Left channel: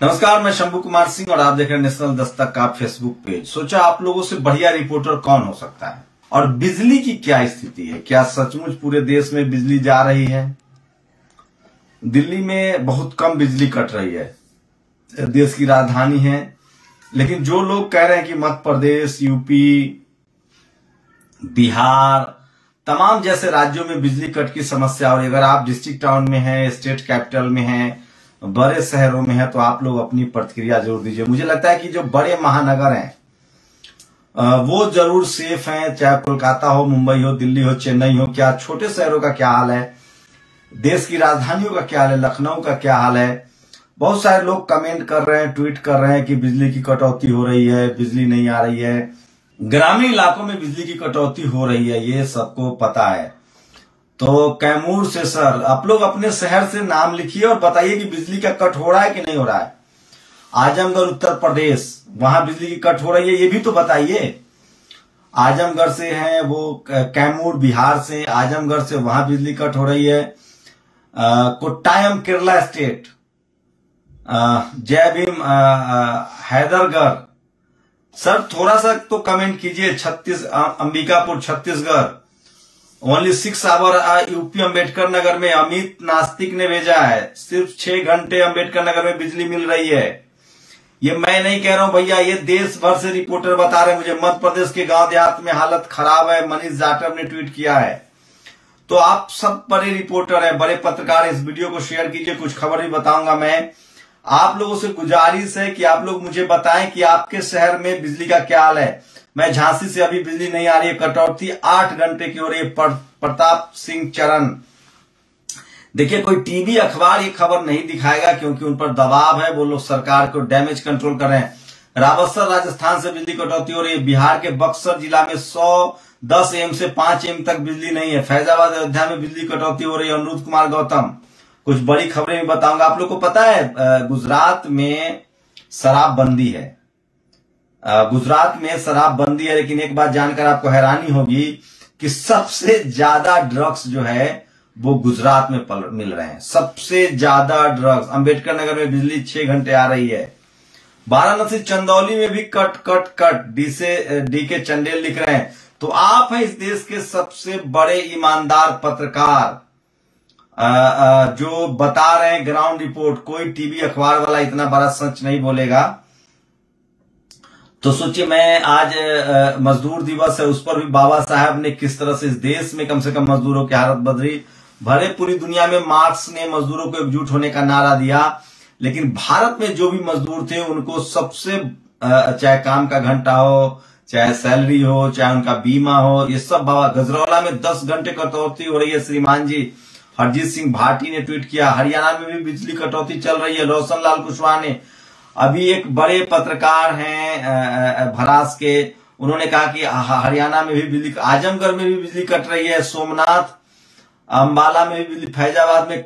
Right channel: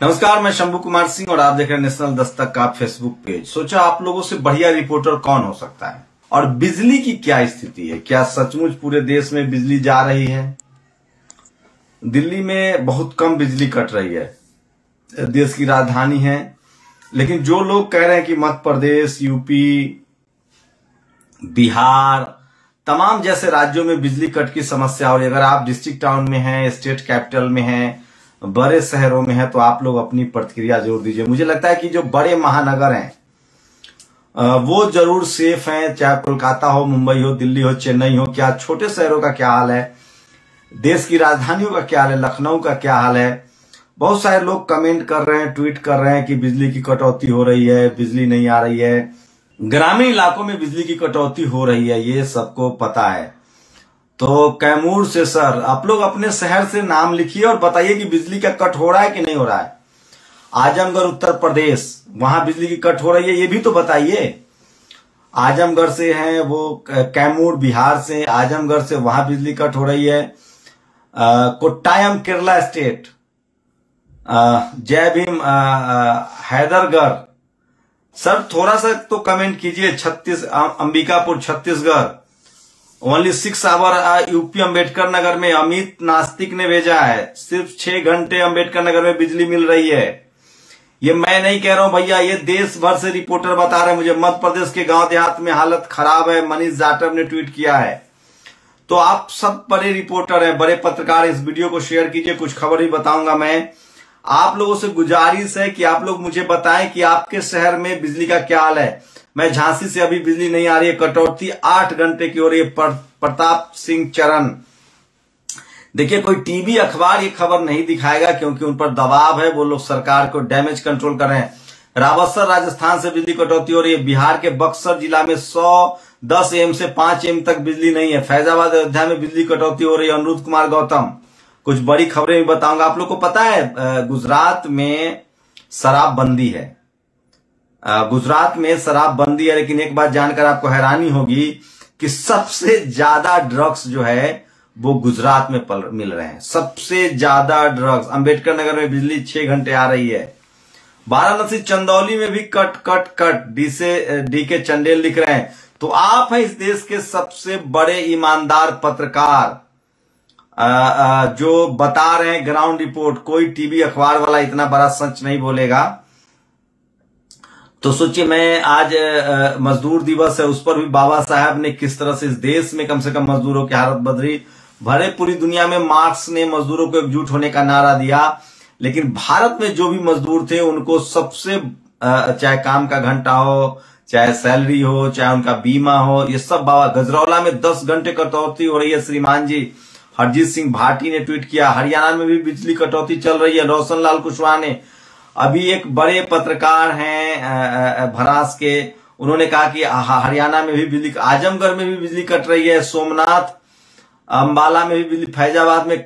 नमस्कार, मैं शंभू कुमार सिंह और आप देख रहे हैं नेशनल दस्तक का फेसबुक पेज। सोचा आप लोगों से बढ़िया रिपोर्टर कौन हो सकता है और बिजली की क्या स्थिति है। क्या सचमुच पूरे देश में बिजली जा रही है? दिल्ली में बहुत कम बिजली कट रही है, देश की राजधानी है, लेकिन जो लोग कह रहे हैं कि मध्य प्रदेश, यूपी, बिहार, तमाम जैसे राज्यों में बिजली कट की समस्या, और अगर आप डिस्ट्रिक्ट टाउन में हैं, स्टेट कैपिटल में हैं, बड़े शहरों में है, तो आप लोग अपनी प्रतिक्रिया जरूर दीजिए। मुझे लगता है कि जो बड़े महानगर हैं वो जरूर सेफ हैं, चाहे कोलकाता हो, मुंबई हो, दिल्ली हो, चेन्नई हो। क्या छोटे शहरों का क्या हाल है, देश की राजधानियों का क्या हाल है, लखनऊ का क्या हाल है? बहुत सारे लोग कमेंट कर रहे हैं, ट्वीट कर रहे हैं कि बिजली की कटौती हो रही है, बिजली नहीं आ रही है। ग्रामीण इलाकों में बिजली की कटौती हो रही है, ये सबको पता है। तो कैमूर से सर, आप लोग अपने शहर से नाम लिखिए और बताइए कि बिजली का कट हो रहा है कि नहीं हो रहा है। आजमगढ़ उत्तर प्रदेश, वहां बिजली की कट हो रही है, ये भी तो बताइए। आजमगढ़ से हैं वो, कैमूर बिहार से, आजमगढ़ से, वहां बिजली कट हो रही है। कोट्टायम केरला स्टेट, जय भीम हैदरगढ़। सर थोड़ा सा तो कमेंट कीजिए। Ambikapur Chhattisgarh, only 6 hour UP Ambedkar Nagar में अमित नास्तिक ने भेजा है, सिर्फ 6 घंटे अम्बेडकर नगर में बिजली मिल रही है। ये मैं नहीं कह रहा हूं भैया, ये देश भर से रिपोर्टर बता रहे हैं मुझे। मध्य प्रदेश के गांव देहात में हालत खराब है, मनीष जाटव ने ट्वीट किया है। तो आप सब बड़े रिपोर्टर हैं, बड़े पत्रकार, इस वीडियो को शेयर कीजिए। कुछ खबर भी बताऊंगा मैं। आप लोगों से गुजारिश है कि आप लोग मुझे बताएं कि आपके शहर में बिजली का क्या हाल है। मैं झांसी से, अभी बिजली नहीं आ रही है, कटौती 8 घंटे की हो रही है। प्रताप सिंह चरण, देखिए कोई टीवी अखबार ये खबर नहीं दिखाएगा क्योंकि उन पर दबाव है, वो लोग सरकार को डैमेज कंट्रोल कर रहे हैं। रावतसर राजस्थान से बिजली कटौती हो रही है। बिहार के बक्सर जिला में 110 एम से 5 एम तक बिजली नहीं है। फैजाबाद, अयोध्या में बिजली कटौती हो रही है। अनुरुद्ध कुमार गौतम, कुछ बड़ी खबरें भी बताऊंगा। आप लोग को पता है गुजरात में शराबबंदी है, गुजरात में शराबबंदी है, लेकिन एक बात जानकर आपको हैरानी होगी कि सबसे ज्यादा ड्रग्स जो है वो गुजरात में मिल रहे हैं। सबसे ज्यादा ड्रग्स। अंबेडकर नगर में बिजली 6 घंटे आ रही है। वाराणसी चंदौली में भी कट कट कट, डी के चंडेल लिख रहे हैं। तो आप हैं इस देश के सबसे बड़े ईमानदार पत्रकार, जो बता रहे हैं ग्राउंड रिपोर्ट। कोई टीवी अखबार वाला इतना बड़ा सच नहीं बोलेगा। तो सोचिए, मैं आज मजदूर दिवस है, उस पर भी बाबा साहब ने किस तरह से इस देश में कम से कम मजदूरों की हालत बदली। भरे पूरी दुनिया में मार्क्स ने मजदूरों को एकजुट होने का नारा दिया, लेकिन भारत में जो भी मजदूर थे उनको सबसे, चाहे काम का घंटा हो, चाहे सैलरी हो, चाहे उनका बीमा हो, ये सब बाबा। गजरौला में 10 घंटे कटौती हो रही है श्रीमान जी, हरजीत सिंह भाटी ने ट्वीट किया। हरियाणा में भी बिजली कटौती चल रही है, रोशन लाल कुशवाहा ने। अभी एक बड़े पत्रकार हैं भरास के, उन्होंने कहा कि हरियाणा में भी बिजली, आजमगढ़ में भी बिजली कट रही है, सोमनाथ, अंबाला में भी बिजली, फैजाबाद में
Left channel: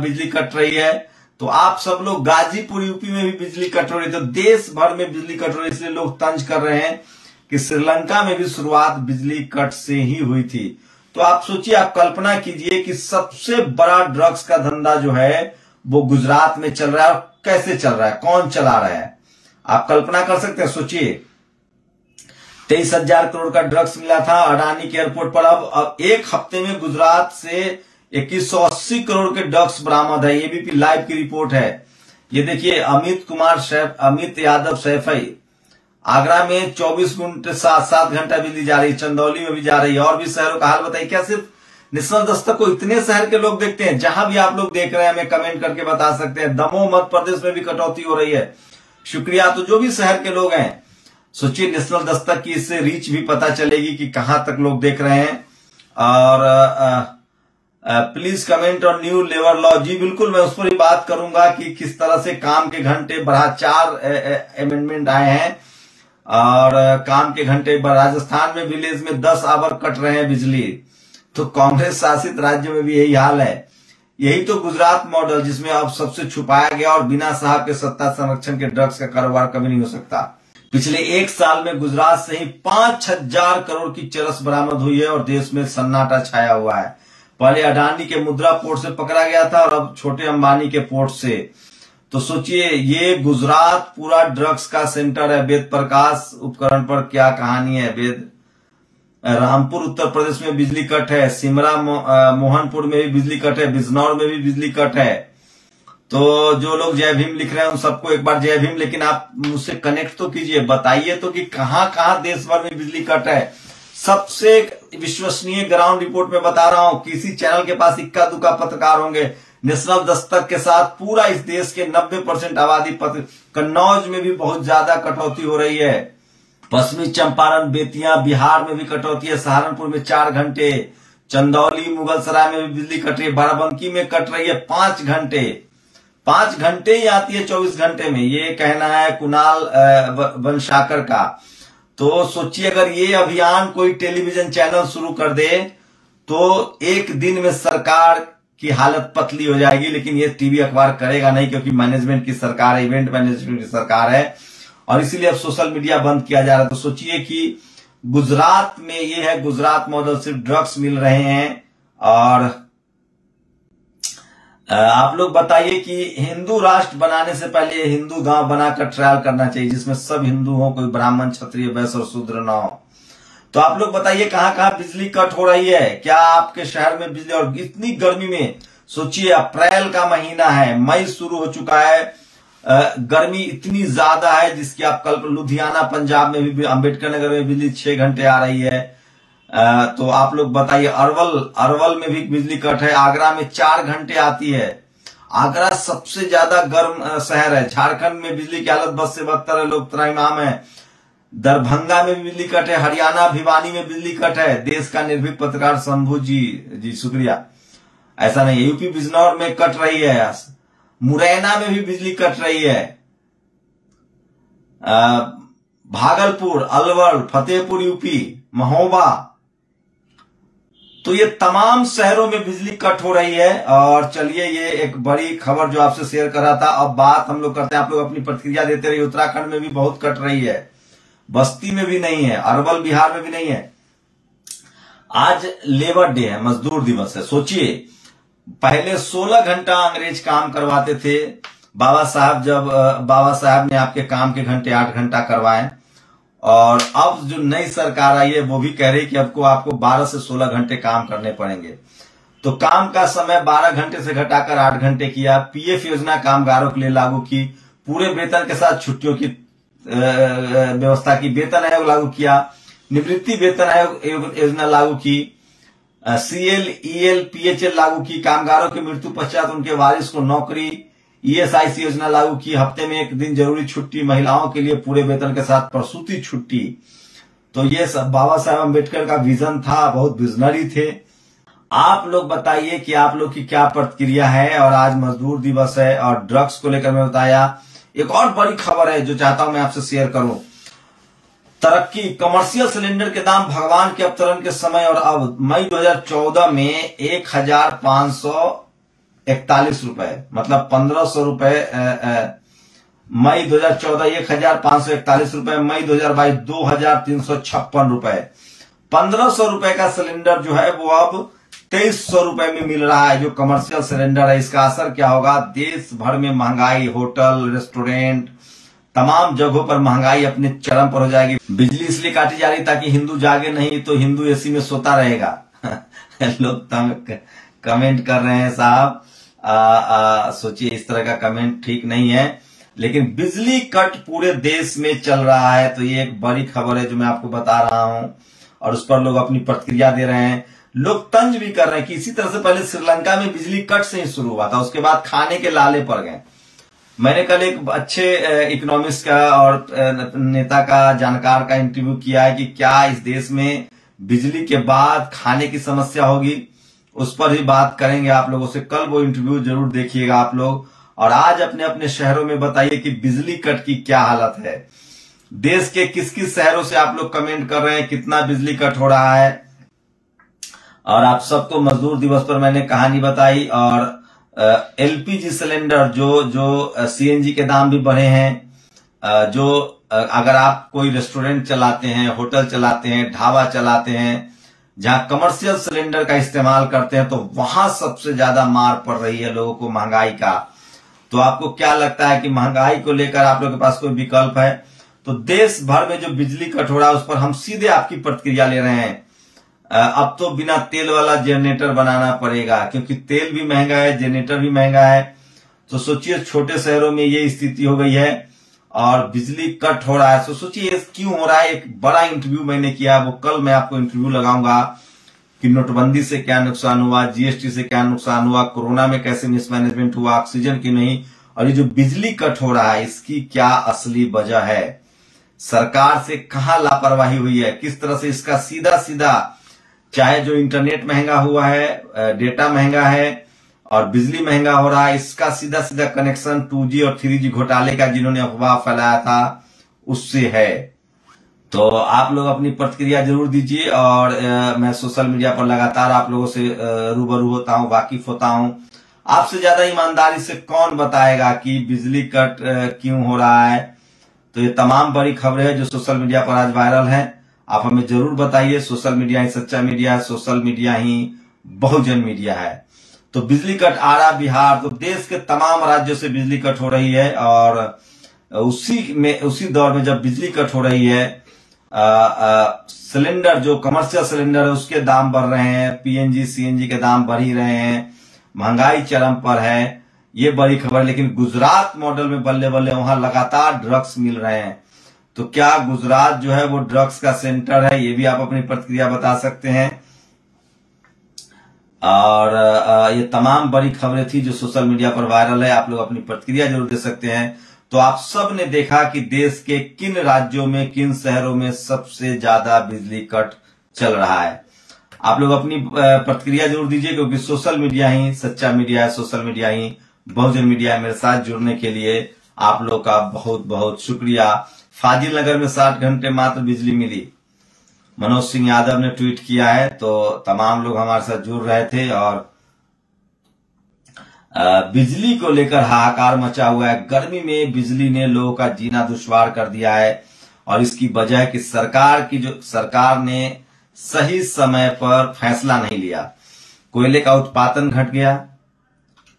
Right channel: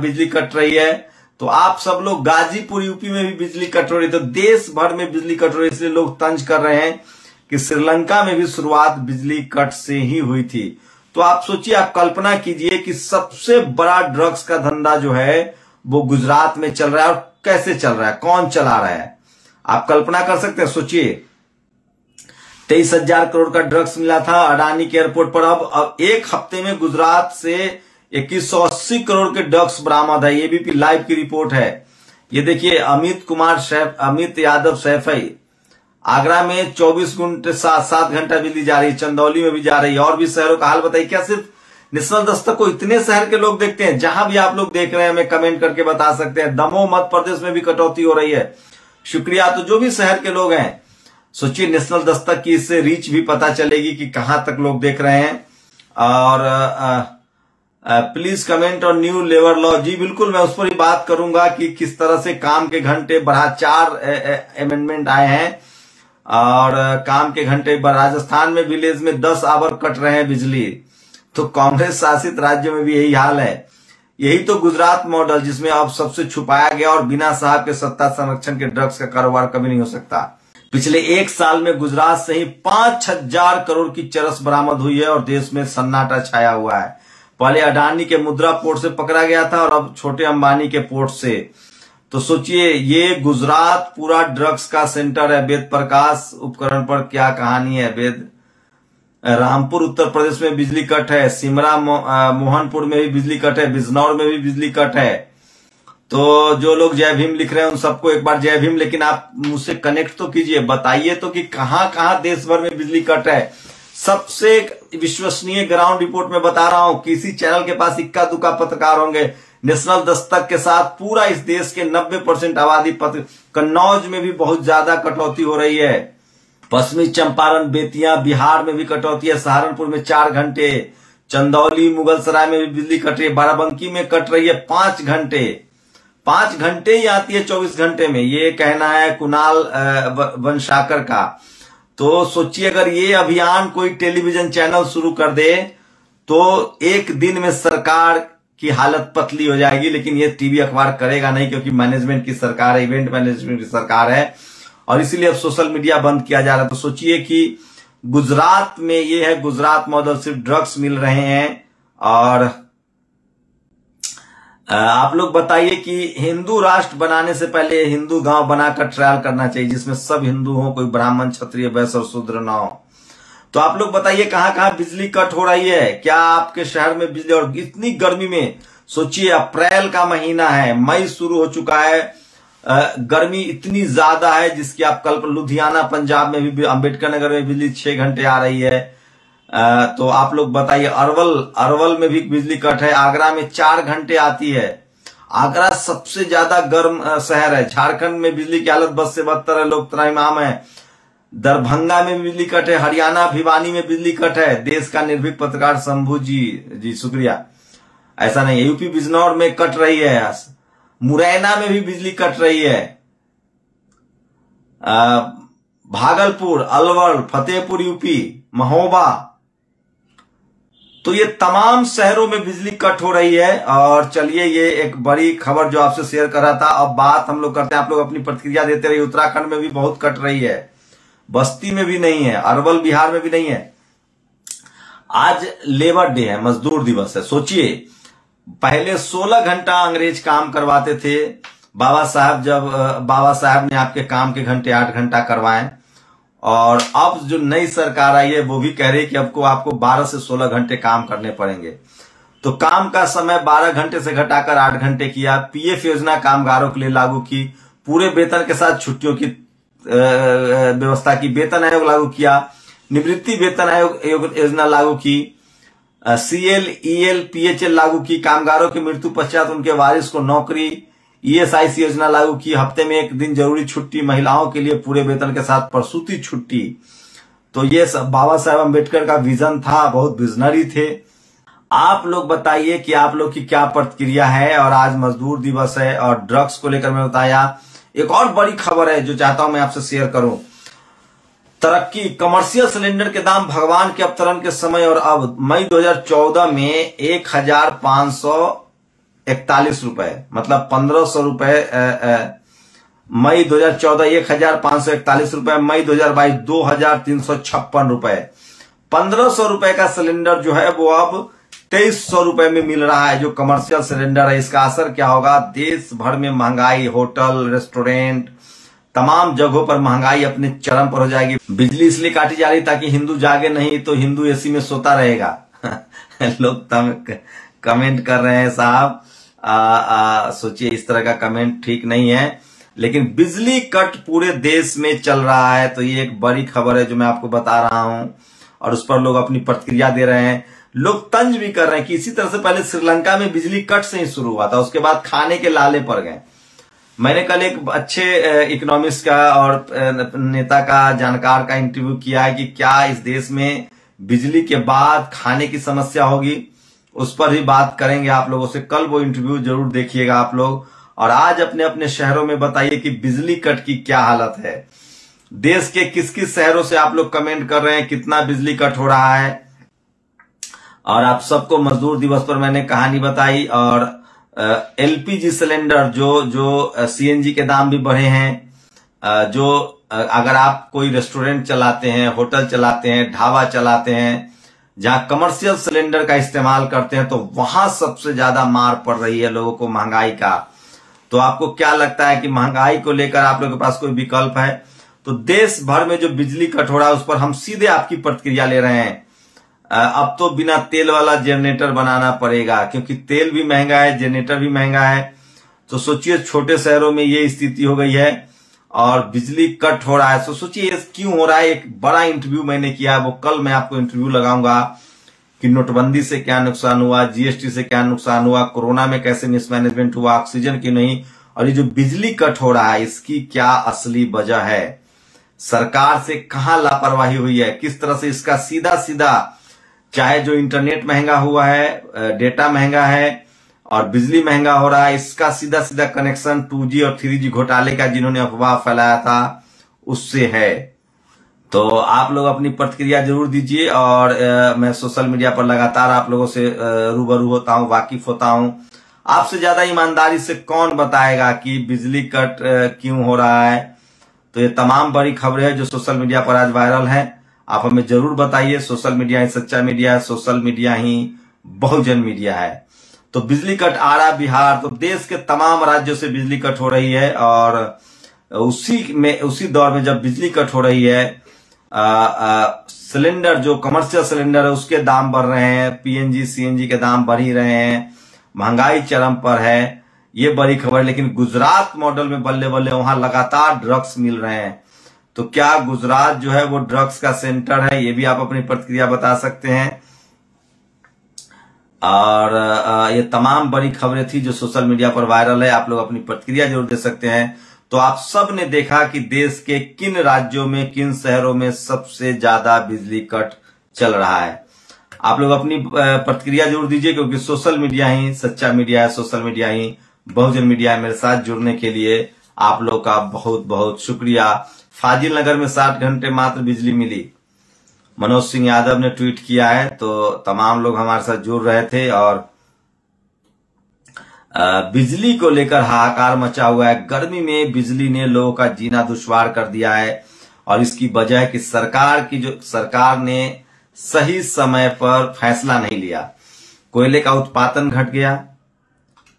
बिजली कट रही है। तो आप सब लोग, गाजीपुर यूपी में भी बिजली कट रही है। तो देश भर में बिजली कट रही है, इसलिए लोग तंज कर रहे हैं कि श्रीलंका में भी शुरुआत बिजली कट से ही हुई थी। तो आप सोचिए, आप कल्पना कीजिए कि सबसे बड़ा ड्रग्स का धंधा जो है वो गुजरात में चल रहा है। और कैसे चल रहा है, कौन चला रहा है, आप कल्पना कर सकते हैं? सोचिए, 23,000 करोड़ का ड्रग्स मिला था अडानी के एयरपोर्ट पर। अब एक हफ्ते में गुजरात से 2180 करोड़ के ड्रग्स बरामद है। एबीपी लाइव की रिपोर्ट है। ये देखिए, अमित यादव सैफई, आगरा में 24 घंटे 7 घंटा बिजली जा रही है, चंदौली में भी जा रही है। और भी शहरों का हाल बताइए। क्या सिर्फ नेशनल दस्तक को इतने शहर के लोग देखते हैं? जहां भी आप लोग देख रहे हैं हमें कमेंट करके बता सकते हैं। दमोह मध्य प्रदेश में भी कटौती हो रही है, शुक्रिया। तो जो भी शहर के लोग हैं, सोचिए, नेशनल दस्तक की इससे रीच भी पता चलेगी कि कहां तक लोग देख रहे हैं। और please comment on new labour law. जी बिल्कुल, मैं उस पर ही बात करूंगा कि किस तरह से काम के घंटे बढ़ा, 4 अमेंडमेंट आए हैं और काम के घंटे। राजस्थान में विलेज में 10 आवर कट रहे हैं बिजली। तो कांग्रेस शासित राज्य में भी यही हाल है। यही तो गुजरात मॉडल, जिसमें अब सबसे छुपाया गया और बिना साहब के सत्ता संरक्षण के ड्रग्स का कारोबार कभी नहीं हो सकता। पिछले 1 साल में गुजरात से ही 5,000 करोड़ की चरस बरामद हुई है और देश में सन्नाटा छाया हुआ है। पहले अडानी के मुद्रा पोर्ट से पकड़ा गया था और अब छोटे अंबानी के पोर्ट से। तो सोचिए, ये गुजरात पूरा ड्रग्स का सेंटर है। वेद प्रकाश उपकरण पर क्या कहानी है। वेद रामपुर उत्तर प्रदेश में बिजली कट है, सिमरा मोहनपुर में भी बिजली कट है, बिजनौर में भी बिजली कट है। तो जो लोग जय भीम लिख रहे हैं उन सबको एक बार जय भीम, लेकिन आप मुझसे कनेक्ट तो कीजिए, बताइए तो कि कहां कहां देश भर में बिजली कट है। सबसे विश्वसनीय ग्राउंड रिपोर्ट में बता रहा हूं, किसी चैनल के पास इक्का दुक्का पत्रकार होंगे। नेशनल दस्तक के साथ पूरा इस देश के 90% आबादी कन्नौज में भी बहुत ज्यादा कटौती हो रही है। पश्चिमी चंपारण, बेतिया, बिहार में भी कटौती है। सहारनपुर में 4 घंटे, चंदौली, मुगलसराय में भी बिजली कट रही है, बाराबंकी में कट रही है 5 घंटे। 5 घंटे ही आती है 24 घंटे में, ये कहना है कुणाल वंशाकर का। तो सोचिए, अगर ये अभियान कोई टेलीविजन चैनल शुरू कर दे तो एक दिन में सरकार की हालत पतली हो जाएगी। लेकिन ये टीवी अखबार करेगा नहीं, क्योंकि मैनेजमेंट की सरकार है, इवेंट मैनेजमेंट की सरकार है, और इसीलिए अब सोशल मीडिया बंद किया जा रहा है। तो सोचिए कि गुजरात में ये है, गुजरात मॉडल, सिर्फ ड्रग्स मिल रहे हैं। और आप लोग बताइए कि हिंदू राष्ट्र बनाने से पहले हिंदू गांव बनाकर ट्रायल करना चाहिए, जिसमें सब हिंदू हो, कोई ब्राह्मण, क्षत्रिय, वैश्य और शूद्र न हो। तो आप लोग बताइए कहां कहां बिजली कट हो रही है, क्या आपके शहर में बिजली। और इतनी गर्मी में सोचिए, अप्रैल का महीना है, मई शुरू हो चुका है, गर्मी इतनी ज्यादा है जिसकी आप कल्पना, लुधियाना पंजाब में भी, अंबेडकर नगर में बिजली 6 घंटे आ रही है। तो आप लोग बताइए, अरवल में भी बिजली कट है, आगरा में 4 घंटे आती है। आगरा सबसे ज्यादा गर्म शहर है। झारखंड में बिजली की हालत बद से बदतर है, लोग त्राहिमाम है। दरभंगा में बिजली कट है, हरियाणा भिवानी में बिजली कट है। देश का निर्भीक पत्रकार शंभू जी शुक्रिया। ऐसा नहीं है, यूपी बिजनौर में कट रही है, मुरैना में भी बिजली कट रही है, भागलपुर, अलवर, फतेहपुर यूपी, महोबा, तो ये तमाम शहरों में बिजली कट हो रही है। और चलिए, ये एक बड़ी खबर जो आपसे शेयर कर रहा था। अब बात हम लोग करते हैं, आप लोग अपनी प्रतिक्रिया देते रहिए। उत्तराखंड में भी बहुत कट रही है, बस्ती में भी नहीं है, अरवल बिहार में भी नहीं है। आज लेबर डे है, मजदूर दिवस है। सोचिए, पहले 16 घंटा अंग्रेज काम करवाते थे। बाबा साहब ने आपके काम के घंटे 8 घंटा करवाए। और अब जो नई सरकार आई है वो भी कह रही है कि आपको 12 से 16 घंटे काम करने पड़ेंगे। तो काम का समय 12 घंटे से घटाकर 8 घंटे किया। पीएफ योजना कामगारों के लिए लागू की, पूरे वेतन के साथ छुट्टियों की व्यवस्था की, वेतन आयोग लागू किया, निवृत्ति वेतन आयोग योजना लागू की, सीएल, ईएल, पीएचएल लागू की, कामगारों की मृत्यु पश्चात उनके वारिस को नौकरी, ईएसआईसी योजना लागू की, हफ्ते में 1 दिन जरूरी छुट्टी, महिलाओं के लिए पूरे वेतन के साथ प्रसूति छुट्टी। तो ये सब बाबा साहेब अम्बेडकर का विजन था, बहुत विजनरी थे। आप लोग बताइए कि आप लोग की क्या प्रतिक्रिया है। और आज मजदूर दिवस है और ड्रग्स को लेकर मैं बताया। एक और बड़ी खबर है जो चाहता हूं मैं आपसे शेयर करूं। तरक्की, कमर्शियल सिलेंडर के दाम भगवान के अवतरण के समय और अब मई 2014 में 1541 रुपए, मतलब 1500 रुपए। मई 2014 1541 रुपए, मई 2022 2356 रुपए। 1500 रुपए का सिलेंडर जो है वो अब 2300 रुपए में मिल रहा है, जो कमर्शियल सिलेंडर है। इसका असर क्या होगा, देश भर में महंगाई, होटल, रेस्टोरेंट, तमाम जगहों पर महंगाई अपने चरम पर हो जाएगी। बिजली इसलिए काटी जा रही ताकि हिंदू जागे नहीं, तो हिंदू एसी में सोता रहेगा। लोग कमेंट कर रहे हैं साहब, सोचिए इस तरह का कमेंट ठीक नहीं है। लेकिन बिजली कट पूरे देश में चल रहा है, तो ये एक बड़ी खबर है जो मैं आपको बता रहा हूं। और उस पर लोग अपनी प्रतिक्रिया दे रहे हैं। लोग तंज भी कर रहे हैं कि इसी तरह से पहले श्रीलंका में बिजली कट से ही शुरू हुआ था, उसके बाद खाने के लाले पड़ गए। मैंने कल एक अच्छे इकोनॉमिस्ट का और नेता का, जानकार का इंटरव्यू किया है कि क्या इस देश में बिजली के बाद खाने की समस्या होगी, उस पर ही बात करेंगे आप लोगों से। कल वो इंटरव्यू जरूर देखिएगा आप लोग। और आज अपने अपने शहरों में बताइए कि बिजली कट की क्या हालत है। देश के किस किस शहरों से आप लोग कमेंट कर रहे हैं कितना बिजली कट हो रहा है। और आप सबको मजदूर दिवस पर मैंने कहानी बताई। और एलपीजी सिलेंडर जो सीएनजी के दाम भी बढ़े हैं। जो अगर आप कोई रेस्टोरेंट चलाते हैं, होटल चलाते हैं, ढाबा चलाते हैं, जहां कमर्शियल सिलेंडर का इस्तेमाल करते हैं, तो वहां सबसे ज्यादा मार पड़ रही है लोगों को महंगाई का। तो आपको क्या लगता है कि महंगाई को लेकर आप लोगों के पास कोई विकल्प है? तो देश भर में जो बिजली कट हो रहा है उस पर हम सीधे आपकी प्रतिक्रिया ले रहे हैं। अब तो बिना तेल वाला जनरेटर बनाना पड़ेगा, क्योंकि तेल भी महंगा है, जनरेटर भी महंगा है। तो सोचिए छोटे शहरों में ये स्थिति हो गई है और बिजली कट हो रहा है। तो सोचिए क्यों हो रहा है। एक बड़ा इंटरव्यू मैंने किया, वो कल मैं आपको इंटरव्यू लगाऊंगा कि नोटबंदी से क्या नुकसान हुआ, जीएसटी से क्या नुकसान हुआ, कोरोना में कैसे मिसमैनेजमेंट हुआ, ऑक्सीजन की नहीं, और ये जो बिजली कट हो रहा है इसकी क्या असली वजह है, सरकार से कहां लापरवाही हुई है, किस तरह से इसका सीधा सीधा, चाहे जो इंटरनेट महंगा हुआ है, डेटा महंगा है और बिजली महंगा हो रहा है, इसका सीधा सीधा कनेक्शन 2G और 3G घोटाले का जिन्होंने अफवाह फैलाया था उससे है। तो आप लोग अपनी प्रतिक्रिया जरूर दीजिए और मैं सोशल मीडिया पर लगातार आप लोगों से रूबरू होता हूं, वाकिफ होता हूं। आपसे ज्यादा ईमानदारी से कौन बताएगा कि बिजली कट क्यों हो रहा है। तो ये तमाम बड़ी खबरें हैं जो सोशल मीडिया पर आज वायरल है, आप हमें जरूर बताइए। सोशल मीडिया ही सच्चा मीडिया है, सोशल मीडिया ही बहुजन मीडिया है। तो बिजली कट आ रहा बिहार, तो देश के तमाम राज्यों से बिजली कट हो रही है और उसी दौर में जब बिजली कट हो रही है, सिलेंडर जो कमर्शियल सिलेंडर है उसके दाम बढ़ रहे हैं, पीएनजी सीएनजी के दाम बढ़ ही रहे हैं, महंगाई चरम पर है, ये बड़ी खबर। लेकिन गुजरात मॉडल में बल्ले बल्ले वहां लगातार ड्रग्स मिल रहे हैं। तो क्या गुजरात जो है वो ड्रग्स का सेंटर है, ये भी आप अपनी प्रतिक्रिया बता सकते हैं। और ये तमाम बड़ी खबरें थी जो सोशल मीडिया पर वायरल है, आप लोग अपनी प्रतिक्रिया जरूर दे सकते हैं। तो आप सब ने देखा कि देश के किन राज्यों में, किन शहरों में सबसे ज्यादा बिजली कट चल रहा है। आप लोग अपनी प्रतिक्रिया जरूर दीजिए, क्योंकि सोशल मीडिया ही सच्चा मीडिया है, सोशल मीडिया ही बहुजन मीडिया है। मेरे साथ जुड़ने के लिए आप लोग का बहुत बहुत शुक्रिया। फाजिल नगर में 60 घंटे मात्र बिजली मिली, मनोज सिंह यादव ने ट्वीट किया है। तो तमाम लोग हमारे साथ जुड़ रहे थे और बिजली को लेकर हाहाकार मचा हुआ है। गर्मी में बिजली ने लोगों का जीना दुश्वार कर दिया है और इसकी वजह है कि सरकार ने सही समय पर फैसला नहीं लिया। कोयले का उत्पादन घट गया,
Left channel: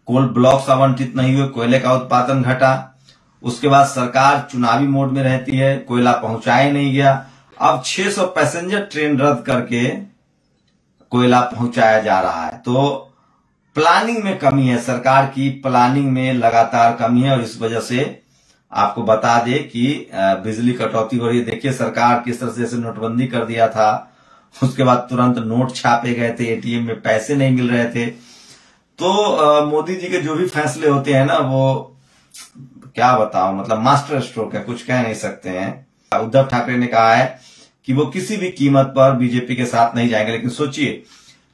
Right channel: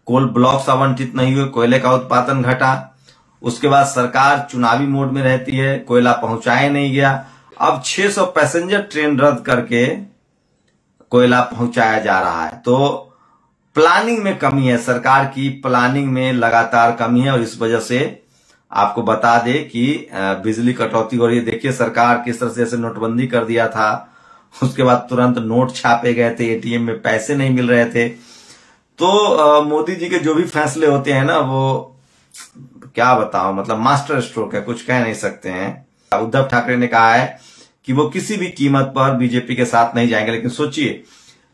कोल ब्लॉक्स आवंटित नहीं हुए, कोयले का उत्पादन घटा। उसके बाद सरकार चुनावी मोड में रहती है, कोयला पहुंचाया नहीं गया। अब 600 पैसेंजर ट्रेन रद्द करके कोयला पहुंचाया जा रहा है। तो प्लानिंग में कमी है, सरकार की प्लानिंग में लगातार कमी है और इस वजह से आपको बता दे कि बिजली कटौती हो रही है। देखिए सरकार किस तरह से जैसे नोटबंदी कर दिया था, उसके बाद तुरंत नोट छापे गए थे, एटीएम में पैसे नहीं मिल रहे थे। तो मोदी जी के जो भी फैसले होते हैं ना, वो क्या बताओ, मतलब मास्टर स्ट्रोक है, कुछ कह नहीं सकते हैं। उद्धव ठाकरे ने कहा है कि वो किसी भी कीमत पर बीजेपी के साथ नहीं जाएंगे। लेकिन सोचिए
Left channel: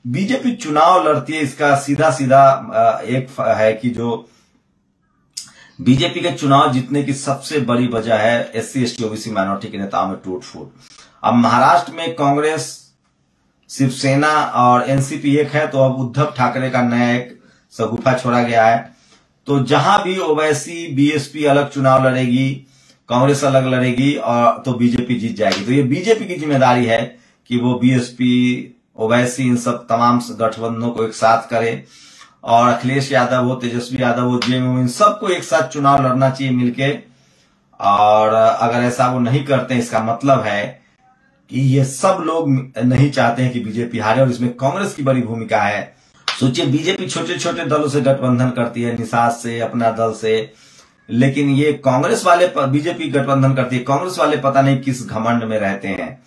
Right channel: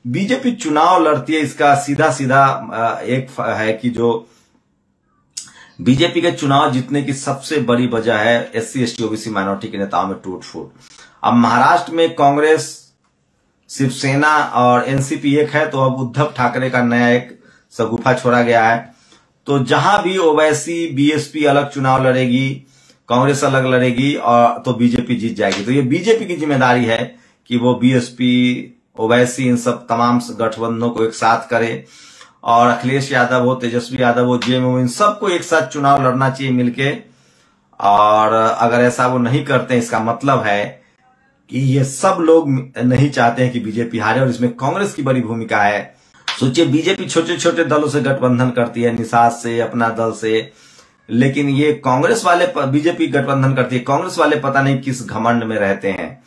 बीजेपी चुनाव लड़ती है, इसका सीधा सीधा एक है कि जो बीजेपी के चुनाव जीतने की सबसे बड़ी वजह है एससी एसटी ओबीसी माइनॉरिटी के नेताओं में टूट फूट। अब महाराष्ट्र में कांग्रेस, शिवसेना और एनसीपी एक है, तो अब उद्धव ठाकरे का नया एक सगुफा छोड़ा गया है। तो जहां भी ओवैसी बीएसपी अलग चुनाव लड़ेगी, कांग्रेस अलग लड़ेगी और तो बीजेपी जीत जाएगी। तो ये बीजेपी की जिम्मेदारी है कि वो बीएसपी, ओवैसी, इन सब तमाम गठबंधनों को एक साथ करे और अखिलेश यादव हो, तेजस्वी यादव हो, जेएमएम, इन सबको एक साथ चुनाव लड़ना चाहिए मिलके। और अगर ऐसा वो नहीं करते हैं, इसका मतलब है कि ये सब लोग नहीं चाहते हैं कि बीजेपी हारे और इसमें कांग्रेस की बड़ी भूमिका है। सोचिए बीजेपी छोटे छोटे दलों से गठबंधन करती है, निषाद से, अपना दल से, लेकिन ये कांग्रेस वाले, बीजेपी गठबंधन करती है, कांग्रेस वाले पता नहीं किस घमंड में रहते हैं।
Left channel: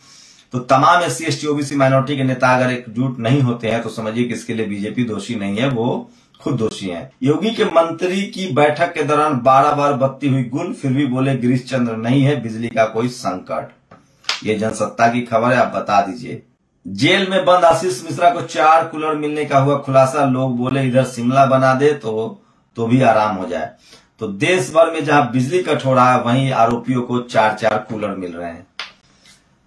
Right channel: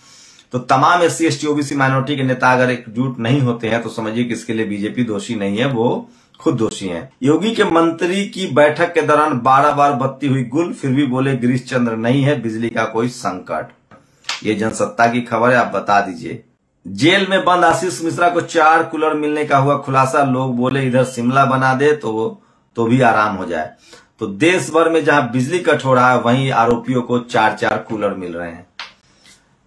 तो तमाम एससी एसटी ओबीसी माइनॉरिटी के नेता अगर एकजुट नहीं होते हैं तो समझिए कि इसके लिए बीजेपी दोषी नहीं है, वो खुद दोषी हैं। योगी के मंत्री की बैठक के दौरान 12 बार बत्ती हुई गुल, फिर भी बोले गिरीश चंद्र नहीं है बिजली का कोई संकट। ये जनसत्ता की खबर है, आप बता दीजिए। जेल में बंद आशीष मिश्रा को 4 कूलर मिलने का हुआ खुलासा, लोग बोले इधर शिमला बना दे तो भी आराम हो जाए। तो देश भर में जहां बिजली कट हो रहा है वहीं आरोपियों को 4-4 कूलर मिल रहे हैं।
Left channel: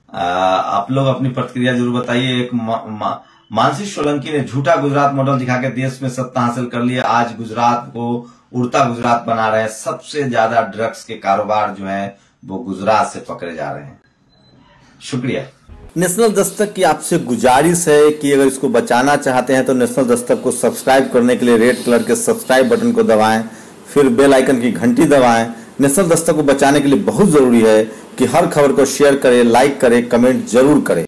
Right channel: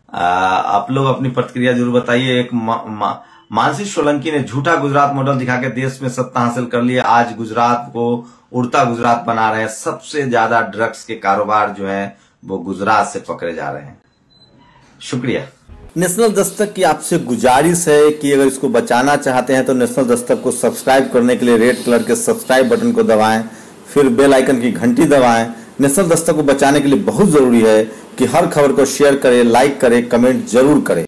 आप लोग अपनी प्रतिक्रिया जरूर बताइए। एक मानसी सोलंकी ने झूठा गुजरात मॉडल दिखा के देश में सत्ता हासिल कर लिया, आज गुजरात को उड़ता गुजरात बना रहे हैं। सबसे ज्यादा ड्रग्स के कारोबार जो है वो गुजरात से पकड़े जा रहे हैं। शुक्रिया। नेशनल दस्तक की आपसे गुजारिश है कि अगर इसको बचाना चाहते हैं तो नेशनल दस्तक को सब्सक्राइब करने के लिए रेड कलर के सब्सक्राइब बटन को दबाएं, फिर बेल आइकन की घंटी दबाएं। नेशनल दस्तक को बचाने के लिए बहुत जरूरी है कि हर खबर को शेयर करें, लाइक करें, कमेंट जरूर करें।